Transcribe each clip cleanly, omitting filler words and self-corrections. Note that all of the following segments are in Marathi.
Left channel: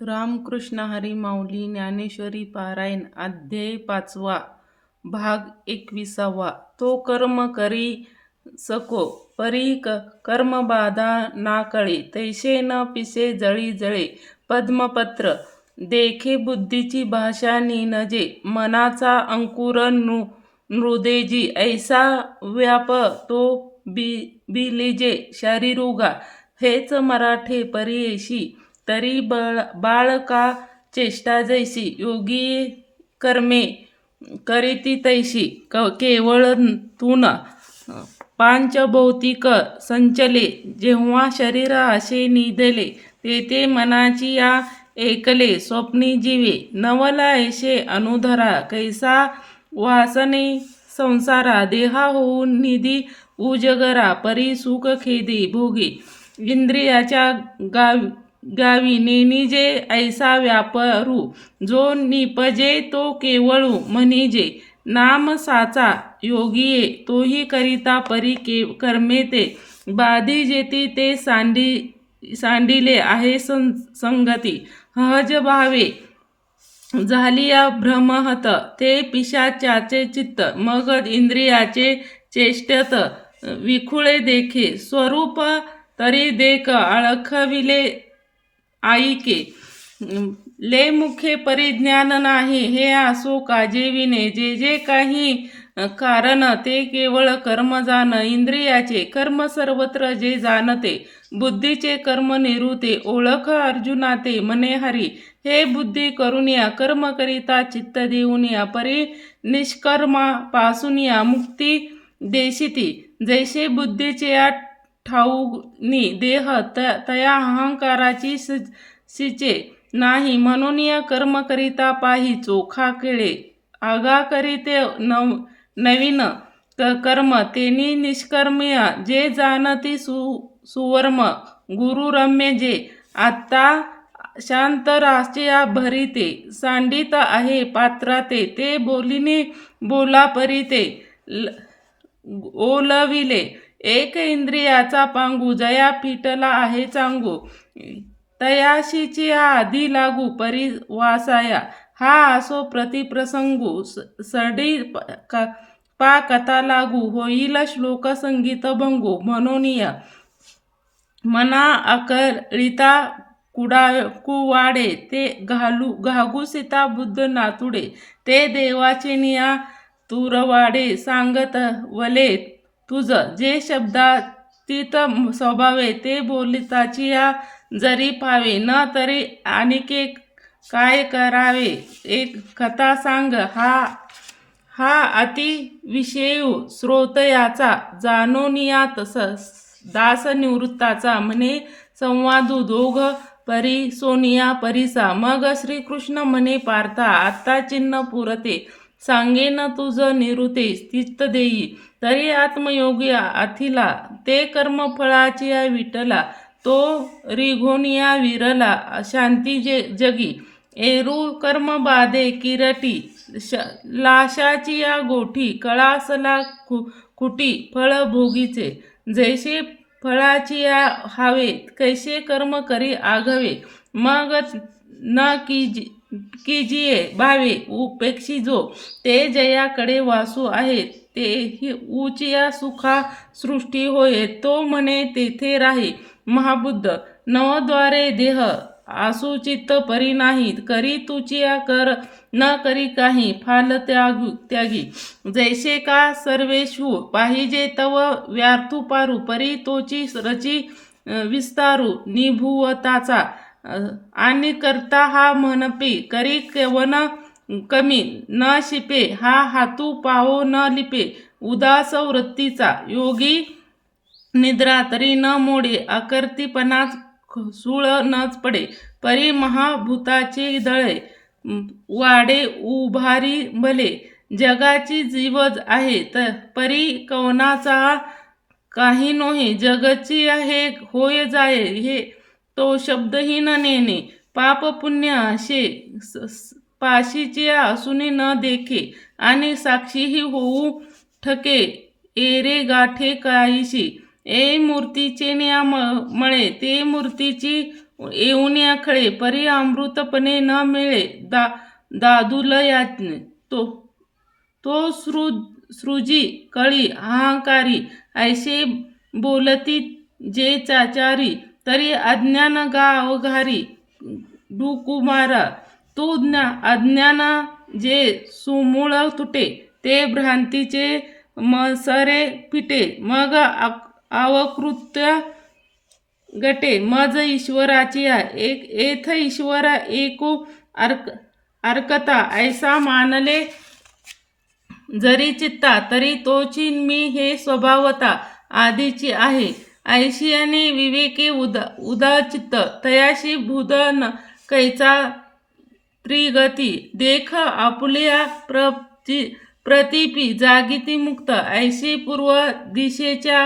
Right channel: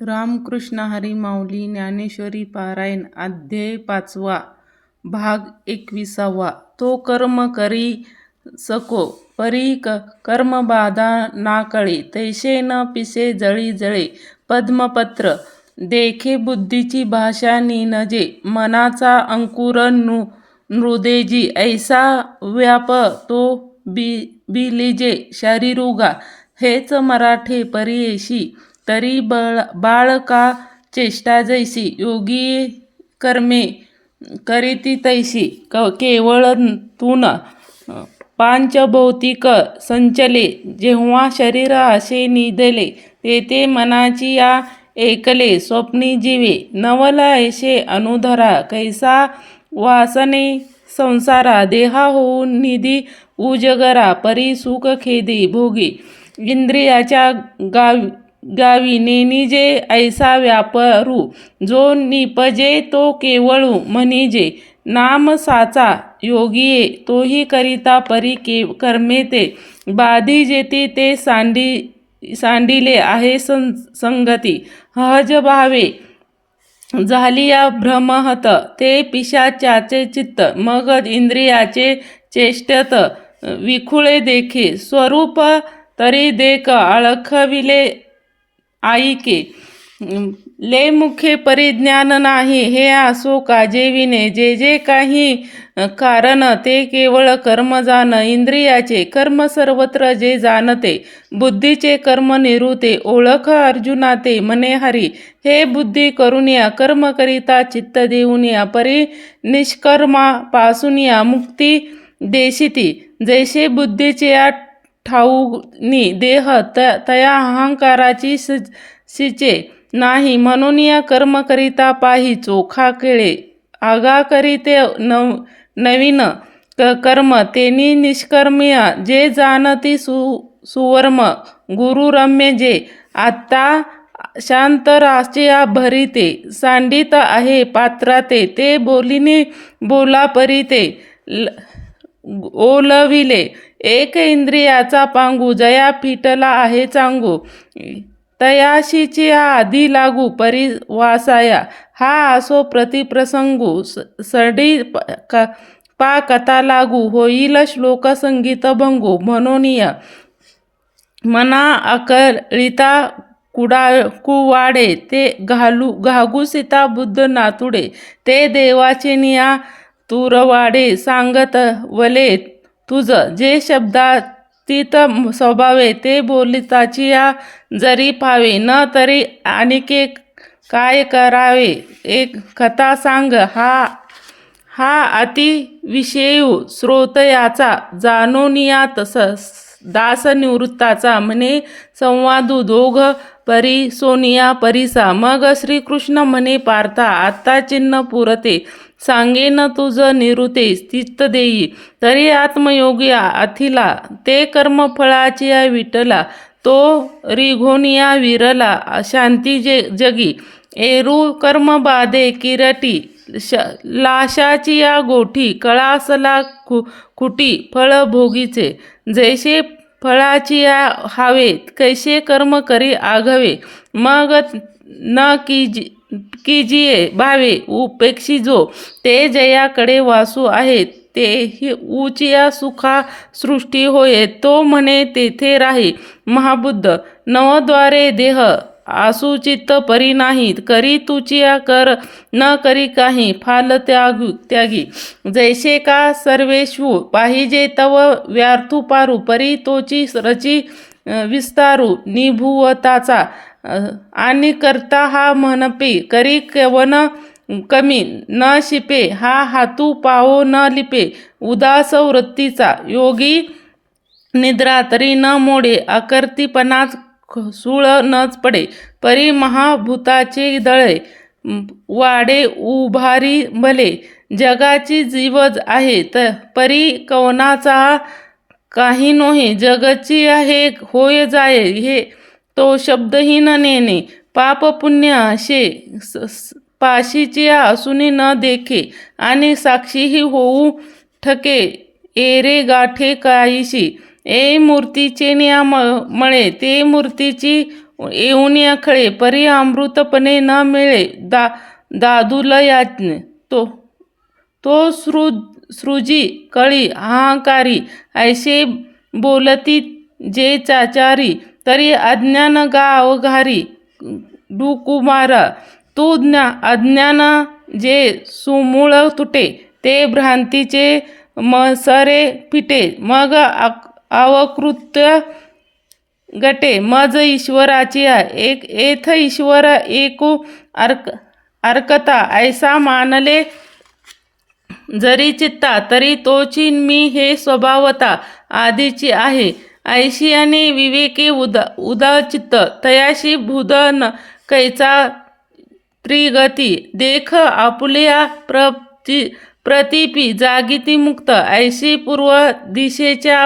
रामकृष्ण हरी माऊली ज्ञानेश्वरी पारायण अध्याय 5वा भाग 21वा. तो कर्म करी सको परी कर्म बाधा ना कळे, तैसे न पिसे जळी जळे पद्मपत्र. देखे बुद्धीची भाषा निनजे, मनाचा अंकुर नृदेजी. ऐसा व्याप तो बिलिजे शरीरुगा. हेच मराठे परियेशी, तरी बाळका चेष्टा जैसी. योगी कर्मे करीती तैसी, केवळ तून पांचभौतिक संचले. जेव्हा शरीर असे निधले, तेथे मनाची या ऐकले स्वप्नी जीवे. नवल ऐसे अनुधरा, कैसा वासने संसारा. देहा होऊन निधी उजगरा, परी सुख खेदी भोगी. इंद्रियाच्या गावी नेनिजे, ऐसा व्यापरू. जो निपजे तो केवळू म्हणिजे, नाम साचा. योगिये तोही करिता परी कर्मे ते. बाधी जेती ते सांडिले आहे संगती. सहज भावे झालिया भ्रमहत, ते पिशाचाचे चित्त. मग इंद्रियाचे चेष्टत विखुळे देखे. स्वरूप तरी देख आळखविले आईके. ले मुखे परिज्ञान नाही, हे असो काजेविने. जे जे काही कारण, ते केवळ कर्म जाण. इंद्रियाचे कर्म सर्वत्र जे जाणते, बुद्धीचे कर्म निरुते. ओळख अर्जुना ते म्हणे हरी. हे बुद्धी करुनिया, कर्म करिता चित्त देऊनिया. परी निष्कर्मा पासूनिया मुक्ती देशिती. जैसे बुद्धीचे ठाऊनी देह, तया अहंकाराची सिचे नाही. म्हणून या कर्म करिता पाही चोखा केळे. आगा करीते नवीन कर्म, तेनी निष्कर्मिया. जे जाणती सुवर्म गुरुरम्य जे. आत्ता शांतराच्या भरिते, सांडित आहे पात्राते. ते बोलिनी बोला परीते ओलविले. एक इंद्रियाचा पांगू, जया फिटला आहे चांगू. तयाशीची आधी लागू परी वासाया. हा असो प्रतिप्रसंगू, सडी पा कथा लागू. होईल श्लोक संगीत भंगू. म्हणूनिया मना अकळिता कुवाडे. ते घागू सीता बुद्ध नातुडे. ते देवाचे निया तुरवाडे. सांगत वले तुझ जे शब्दातीत स्वभावे. ते बोलिताची या जरी पावे. न तरी आणिके काय करावे. एक कथा सांग हा अति विषयू. श्रोत याचा जाणोनिया दास निवृत्ताचा. म्हणे संवादू दोघ परी सोनिया परिसा. मग श्रीकृष्ण म्हणे पार्था, आता चिन्ह पुरते. सांगेन तुझ निरुते चित्त देई. तरी आत्मयोगी अथिला. ते कर्मफळाची विठला. तो रिघोनिया विरला शांती जगी. एरू कर्म बाधे किरटी. लाशाची या गोठी. कळासला खुटी फळ भोगीचे. जैसे फळाची या हावे, कैसे कर्म करी आघवे. मग न कीजिये भावे उपेक्षी जो. ते जयाकडे वासू आहे, ते उचिया सुखा सृष्टी होय. तो म्हणे तेथे राही महाबुद्ध. नवद्वारे देह आसुचित परी नाही. करी तुचिया कर न करी काही फाल त्यागी. जैसे का सर्वेषु पाहिजे तव व्यार्थू पारू. परी तोची रची विस्तारू निभुवताचा. आणि करता हा म्हणपे, करी कवन कमी न शिपे. हा हातू पाहो न लिपे. उदास वृत्तीचा योगी निद्रा तरी न मोडे. आकर्तीपणाच सूळ नच पडे. परी महाभूताचे दळे वाडे उभारी भले. जगाची जीवज आहे, परी कवनाचा काही नोहे. जगची हे होय जाय, हे तो शब्दहीन नेणे. पाप पुण्य असे पाशीचे असूनी न देखे. आणि साक्षीही होऊ ठके. एरे गाठे काहीशी. ए मूर्तीचे नियामळे, ते मूर्तीची येऊन खळे परी अमृतपणे न मिळे दादूल याज्ञ तो सृजी कळी अहंकारी ऐसे बोलती जे चाचारी तरी अज्ञान गावघारी डुकुमारा तू अज्ञान जे सुमूळ तुटे ते भ्रांतीचे मसरे पिटे मग अवकृत्य गटे मज ईश्वराची एक एथ ईश्वर एकू अर्कता ऐसा मानले जरी चित्ता तरी तोची मी हे स्वभावता आधीची आहे ऐशी आणि विवेकी उदाचित्त तयाशी भूदन कैचा त्रिगती देख आपुल्या प्रतिपी जागीती मुक्त ऐशी पूर्व दिशेच्या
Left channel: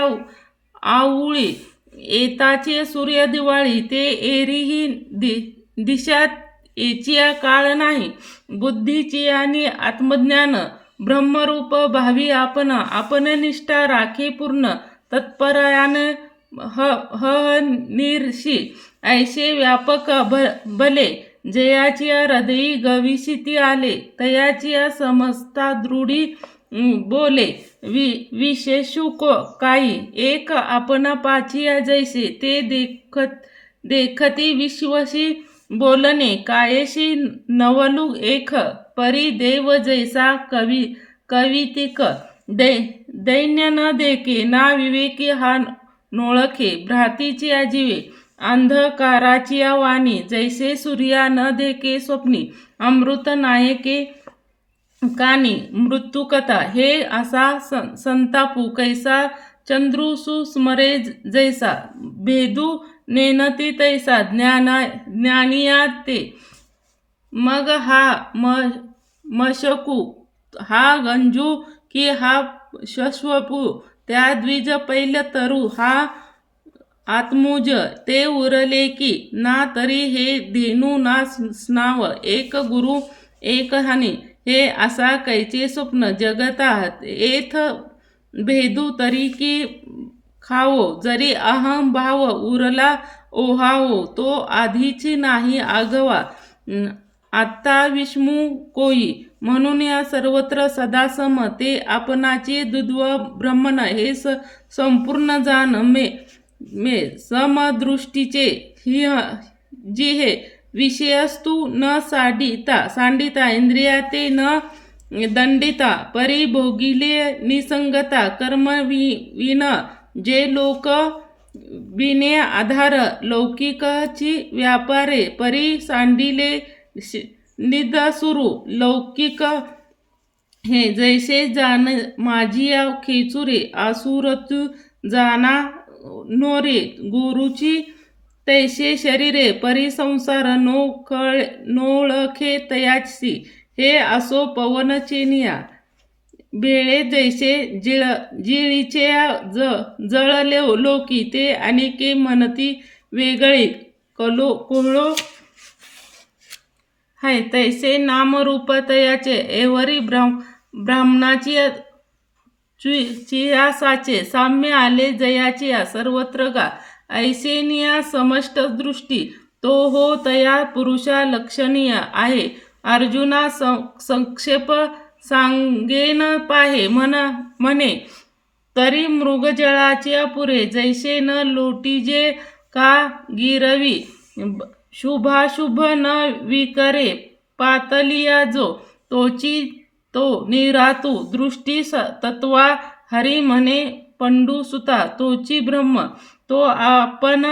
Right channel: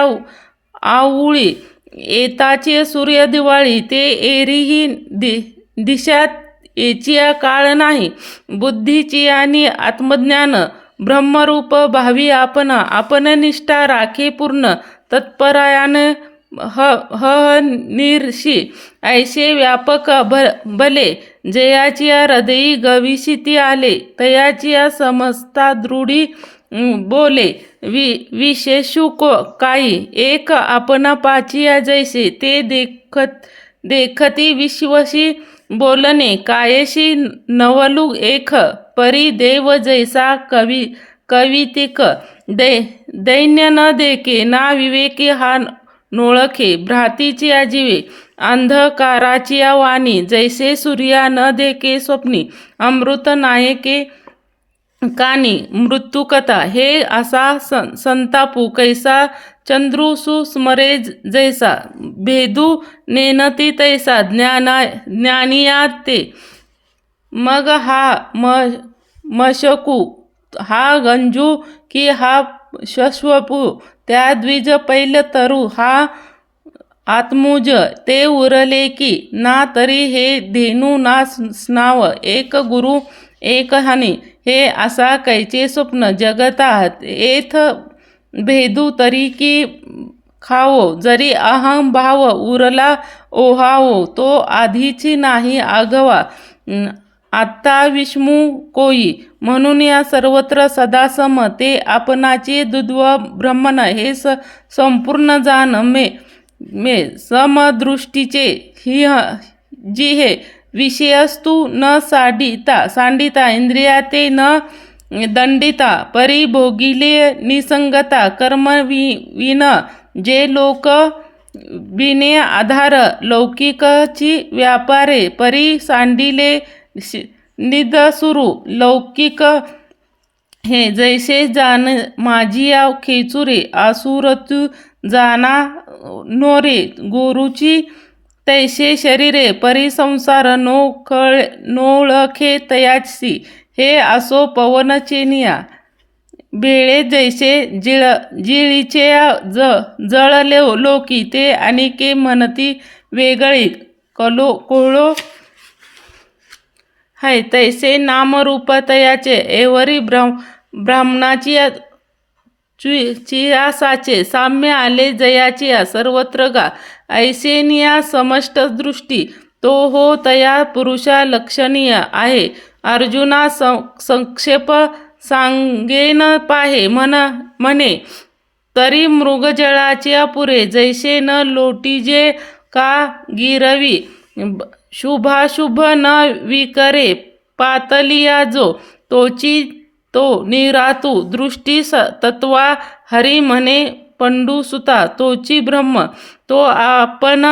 आवळी येताचे सूर्य दिवाळी ते एरीही दिशा याची काळ नाही बुद्धीची आणि आत्मज्ञान ब्रह्मरूप भावी आपण निष्ठा राखे पूर्ण तत्परायान निर्षी ऐसे व्यापक भले जयाची हृदयी गविशिती आले तयाची समस्ता दृढी बोले विशेषू काही एक आपण पाचिया जैसे ते देखती विश्वशी बोलणे कायशी नवलू एक परी देव जैसा कवितिक दैन्य न देखे ना विवेके हा नोळखे भ्रातीची आजीवे अंधकाराची वाणी जैसे सूर्या न देखे स्वप्नी अमृत नायके कानी मृत्युकथा हे असा संतापू कैसा चंद्रुसु स्मरे जैसा भेदू नेनती तैसा ज्ञानिया ते मग हा मशकू हा गंजू की हा शश्वपू त्या द्विज पैल तरु हा आत्मुज ते उरले की ना तरी हे धेनू ना स्नाव एक गुरु एक हानी हे असा कैचे स्वप्न जगतात एथ भेदू तरी की खावो जरी अहम भाव उरला ओहावो तो आधीची नाही आगवा आत्ता विष्णू कोई म्हणून या सर्वत्र सदा सम ते आपणाची दुद्व ब्रह्मन हे संपूर्ण जाण मे समदृष्टीचे ही जी हे विषयस्तु न सांडिता इंद्रिया ते न दंडिता परी भोगिले निसंगता कर्म विन जे लोक बिने आधार लौकिकची व्यापारे परी सांडिले निदसुरू लौकिक हे जैसे जाण माझिया खेचुरे आसुरतु जाना नोरे गुरुची तैसे शरीरे परिसंसार नोळखे तयाची हे असो पवन चेनिया बेळे जैसे जिळीचे जळले लोकी ते अनेके म्हणती वेगळी कोळो है तैसे नामरूप तयाचे एवरी ब्राह्मणाची चियासाचे साम्य आले जयाची सर्वत्र गा ऐसेनिया समष्ट दृष्टी तो हो तया पुरुषा लक्षणीय आहे अर्जुना संक्षेप सांगेन पाहे म्हणे तरी मृगजळाचे पुरे जैसे न लोटीजे का गिरवी शुभाशुभ न विकरे पातलिया जो तोची तो निरातू दृष्टी तत्वा हरी म्हणे पंडुसुता तोची ब्रह्म तो आपण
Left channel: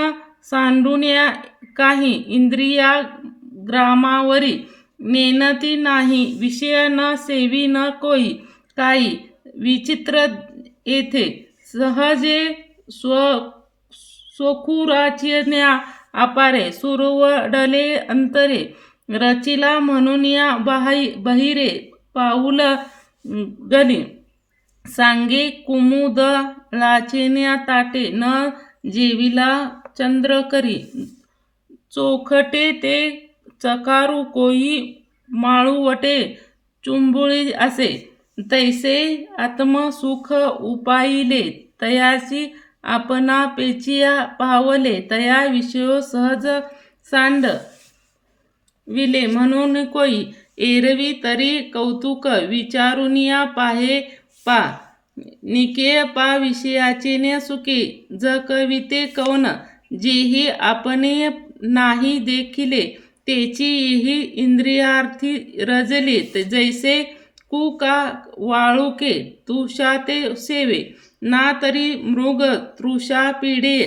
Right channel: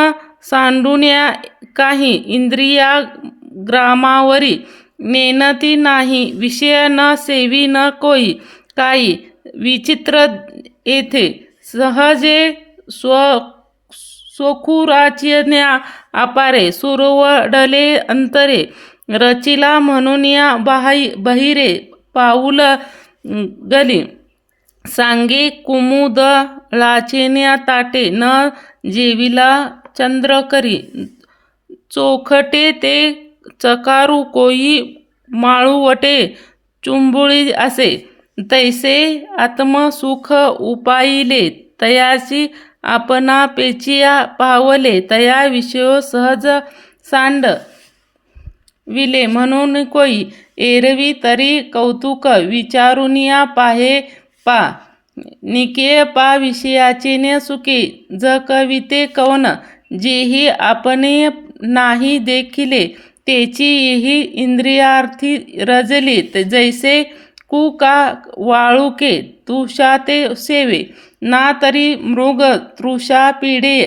सांडुन्या काही इंद्रिया ग्रामावरी नेनती नाही विषय न सेवी न कोई काही विचित्र येथे सहजे स्वखुराचिन्या अपारे सुरवडले अंतरे रचिला म्हणून या बहिरे पाऊल गली सांगे कुमुद लाचेन्या ताटे न जेविला चंद्र करी चोखटे ते चकारू कोई माळूवटे चुंबुळी असे तैसे आत्मसुख उपाईले तयाची आपणा पेचिया पावले तया विषयो सहज सांड विले म्हणून कोई एरवी तरी कौतुक विचारुनिया पाहे पा निके पा विषयाचे न सुके ज कविते कवन जेही आपणे नाही देखिले तेचीही इंद्रियार्थी रजली जैसे कु का वाळुके तुषाते सेवे ना तरी मृग तृषा पिढे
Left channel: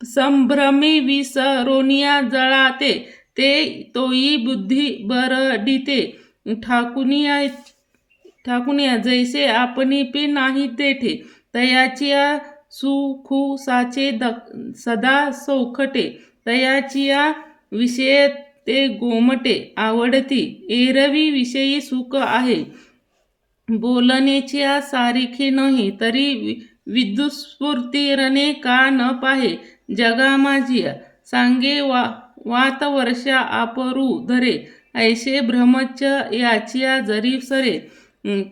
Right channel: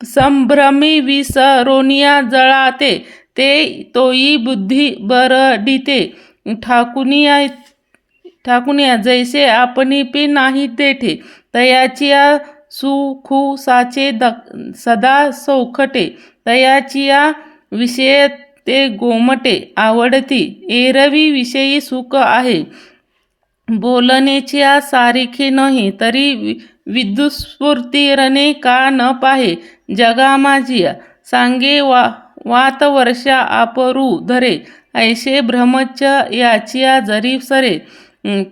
संभ्रमी विसरोनिया जळाते ते तोई बुद्धी बरडिते ठाकुनिया जैसे आपणी पे नाही तेठे तयाचिया सुखुसाचे सदा सौखटे तयाचिया विषय ते गोमटे आवडती एरवी विषयी सुख आहे बोलण्याच्या सारिखे नाही तरी विद्युस्फूर्तीरने का न पाहे जगा माझिया सांगे वात वर्षा आपरू धरे ऐसे भ्रमच याचिया जरी सरे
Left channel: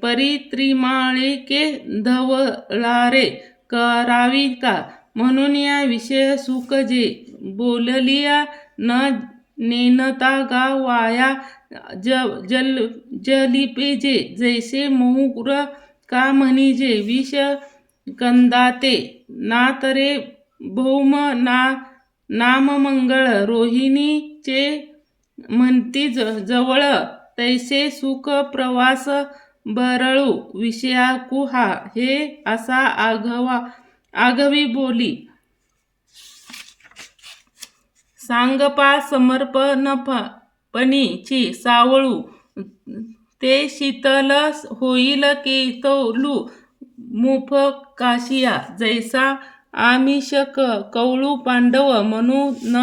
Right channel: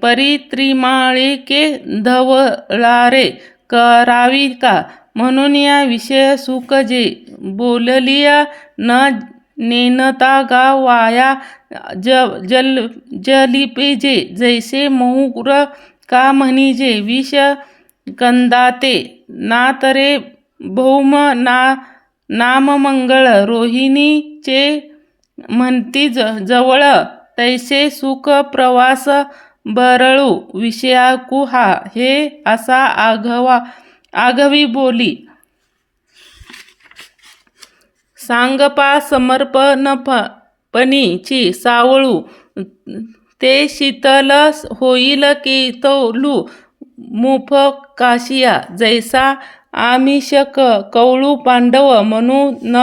परित्रिमाळिके धवळारे करावी का म्हणून या विषय सुख जे बोललिया न नेनता गा वाया जलिपे जे जैसे मोहर का म्हणिजे विष कंदाते ना तरे भौम नाम मंगळ रोहिणीचे म्हणती जवळ तैसे सुख प्रवास बरळू विषयाकू हा हे असा आघवी बोली सांगपा समर्पणपणीची सावळू ते शीतल होईल केतलू मुफ काशिया जैसा आमिषक कवळू पांडव म्हणू न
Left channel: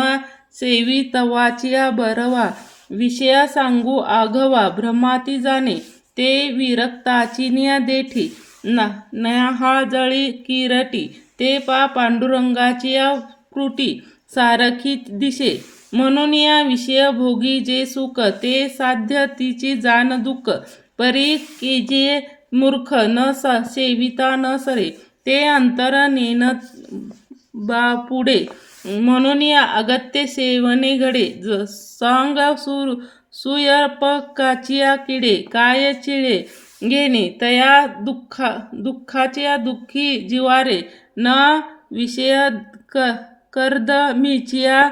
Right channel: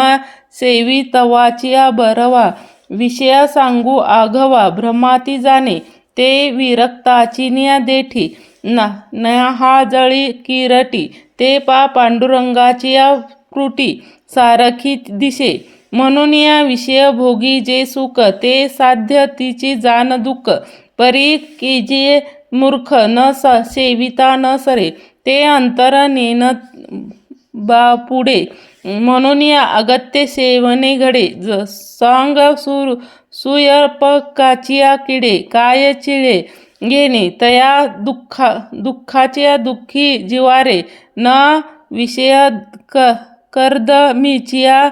सेवी तवाचिया बरवा विषया सांगू आघवा भ्रमाती जाणे ते विरक्ताची न्या देठी न्याहाजळी किरटी ते पा पांडुरंगाची कृटी सारखी दिशे म्हणून या विषय भोगी जे सुख ते साध्य तिची जाण दुःख परी केजे मूर्ख न सेविता न सरे ते अंतर नेन बापुढे म्हणून या अगत्य सेवने घडे सांग सुयर्पकाचिया किडे काय चिळे घेणे तया दुःखाच्या दुःखी जिवारे न विषय कर्दमीचिया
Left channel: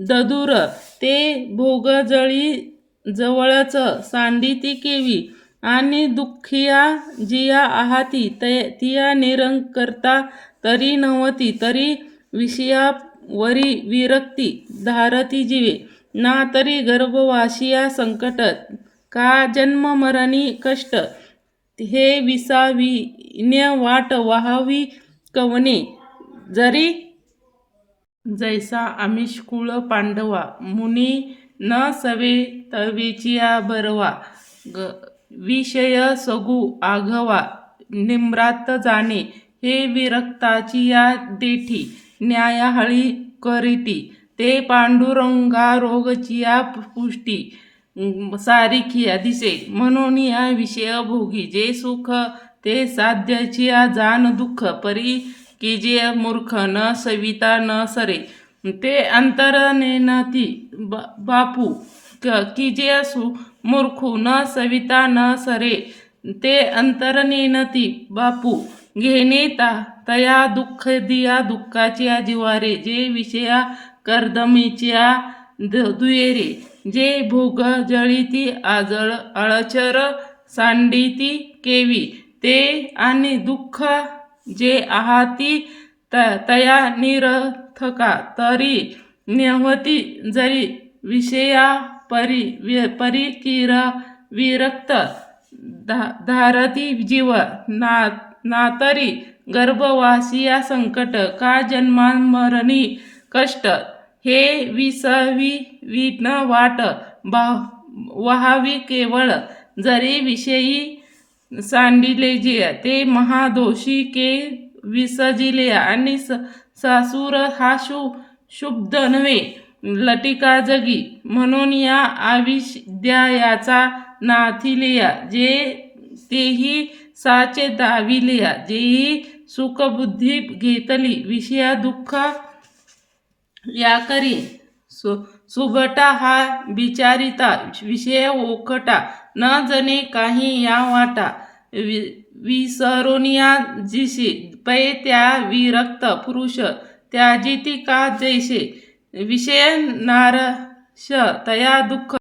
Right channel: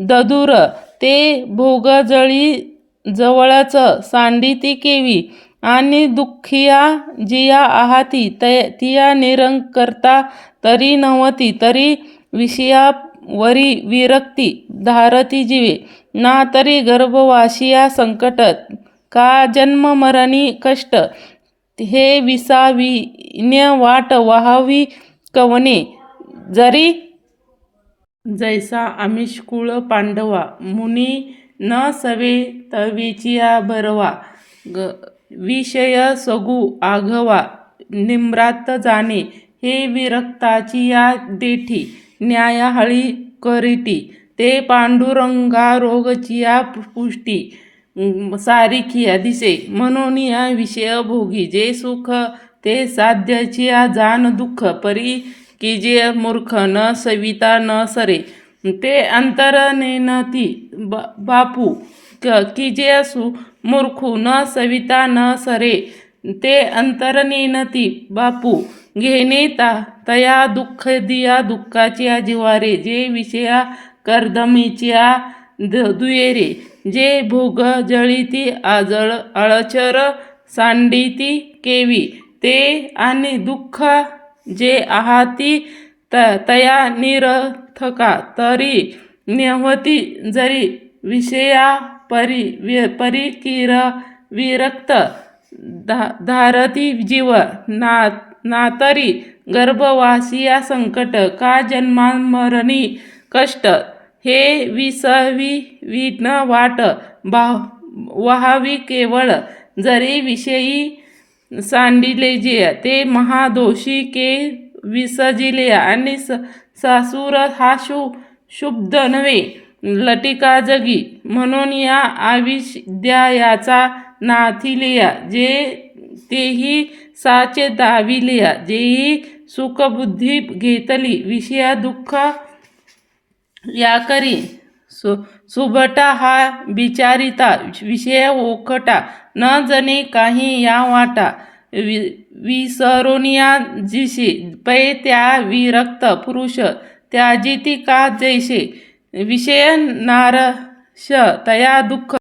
ददूर ते भोगजळी जवळच सांडिती केवी आणि दुःखिया जिया आहाती तिया निरंकर्ता तरी नव्हती तरी विषयावरी विरक्ती धारती जीवे ना तरी गर्भवासिया संकट का जन्म मरणी कष्ट हे विसाविन्य वाट वाहावी कवने जरी जैसा आमिषकुळ पांडवा मुनी न सवे तवेचिया बरवा विषय सगू आघवा निम्रात जाणे हे विरक्ताची या देठी न्यायाहळी करीटी ते पांडुरंगा रोगचिया पुष्टी सारिखिया दिसे म्हणून या विषय भोगी जे सुख ते साध्याचिया जाण दुःख परी की जे मूर्ख न सविता न सरे ते अंतर नेनती बापू की जे मूर्खू न सविता न सरे ते अंतर नेनती बापू घेणे तया दुःख दिया दुःखाच्या जिवारे जे विषया कर्दमीच्या दुयेरे जे भोग जळीती आजळ अळचर सांडिती केवी ते आणि दुःख जे आहाती तया निरथका तरी नेहवती जरी विषया परिकिर विरक्त धारती जीव नातरी गर्भवासिया संकट का जन्मामरणी कष्ट हे विसविन वाट वहावी केवळ जरी विषयी सांडिले जे ते महादोषी के विसजिले आणि सासूर हा शुब्द नव्हे लटिका जगी म्हणून या आविद्यायाचा नाथिलिया जे तेही साचे दाविलिया जेही सुखबुद्धी घेतली विषया दुःख याकरी सुभटा हा बिचारिता विषय ओखटा न जणे काही या वाटा विसरोनिया जिशी पै त्या विरक्त पुरुष त्याजिती का जैसे विषय नारश तया दुःख